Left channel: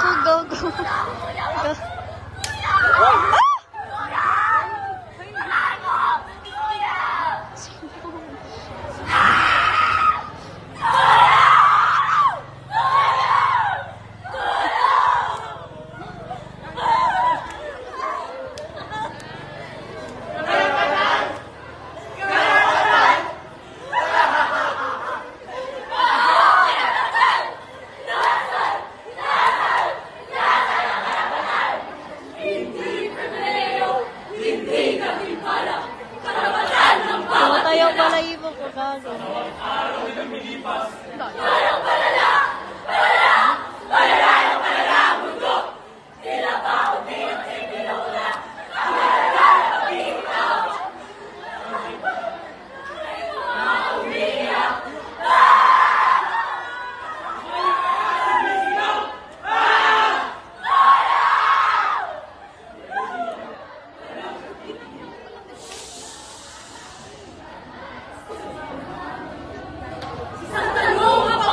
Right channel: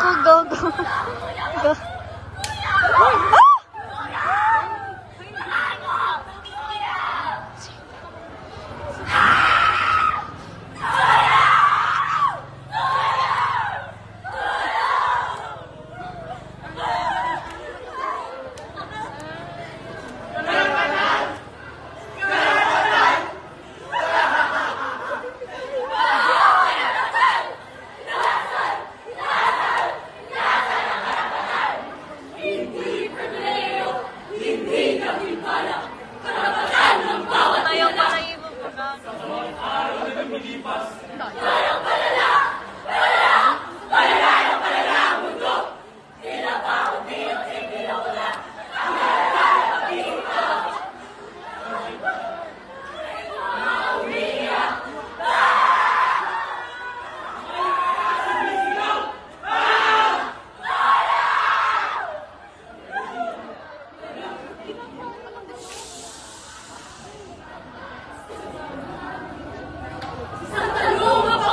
Go, go. Go.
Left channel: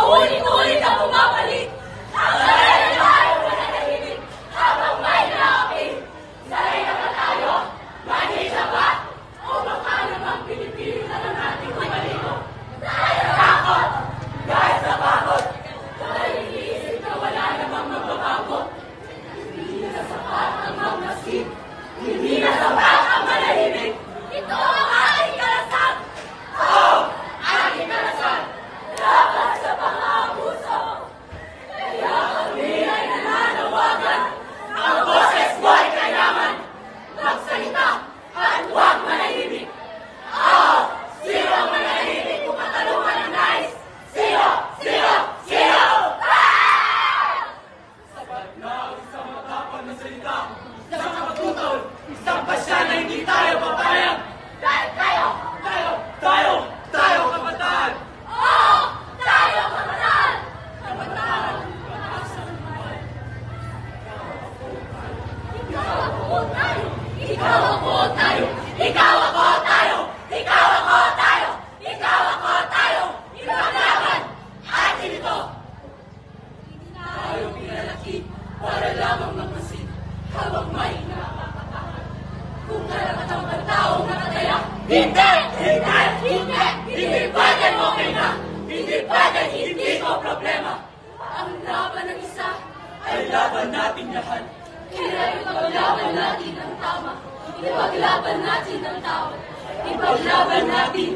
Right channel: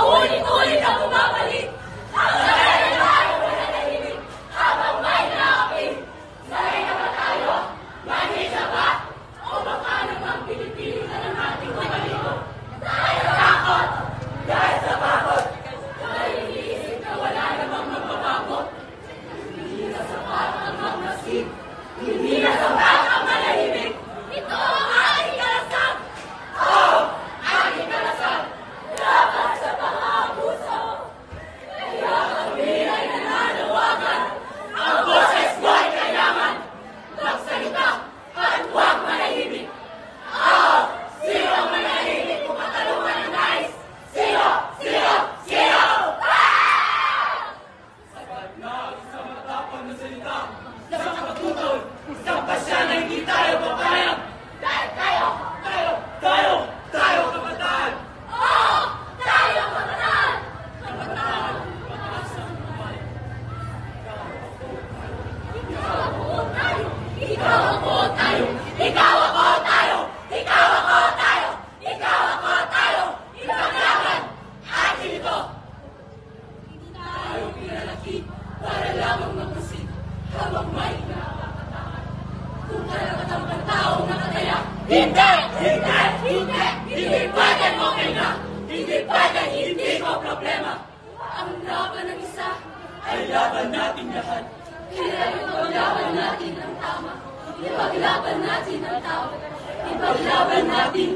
Ulit-ulit ang bumabalik. Ang layo-layo na nanahimik habang may naapi. Sanay na ba tayo? Mani na ba? O baka namang pinipili na lang natin kumaligo? Dahil sa takot! Dahil sa bakot! Dahil iniisip na wala namang magbabago. Hindi na sapat ang magmasid. Hindi na sapat ang manahimik. Ito ang aking karasal! Oo! Aking karasal! Dapat sa pang-aabuso. Kaya kami ay nananawagan. Ang boses mo ay kailangan. Magsalita at huwag manahimik. Sino ang manahimik kung katalungan ang nais? Sino? Sino? Sino? Sapat na ang isang matapang na salita. Sa mga pagtutol, isang pasya na hindi tayo papayag. Dahil tayo kabataan. Tayo kabataan! Kabataan, mataas ang buhay. Ikaw ako tayo! Ikaw ako tayo! Ikaw ako tayo! Ikaw ako tayo! Ikaw ako tayo! Ipaglaban! Atin ito! Hindi tayo pinalaki para lamang mamusin habang may nakakatakan. Kung karapatang pagtaong nakataya, hindi! Hindi! Hindi! Hindi pwedeng okay na! Hindi pwedeng hindi ko problema! Ang laban ng isa Ay laban natin lahat. kaya ipaglaban natin ang tama. Ipaglaban natin ang tao. Ipaglaban natin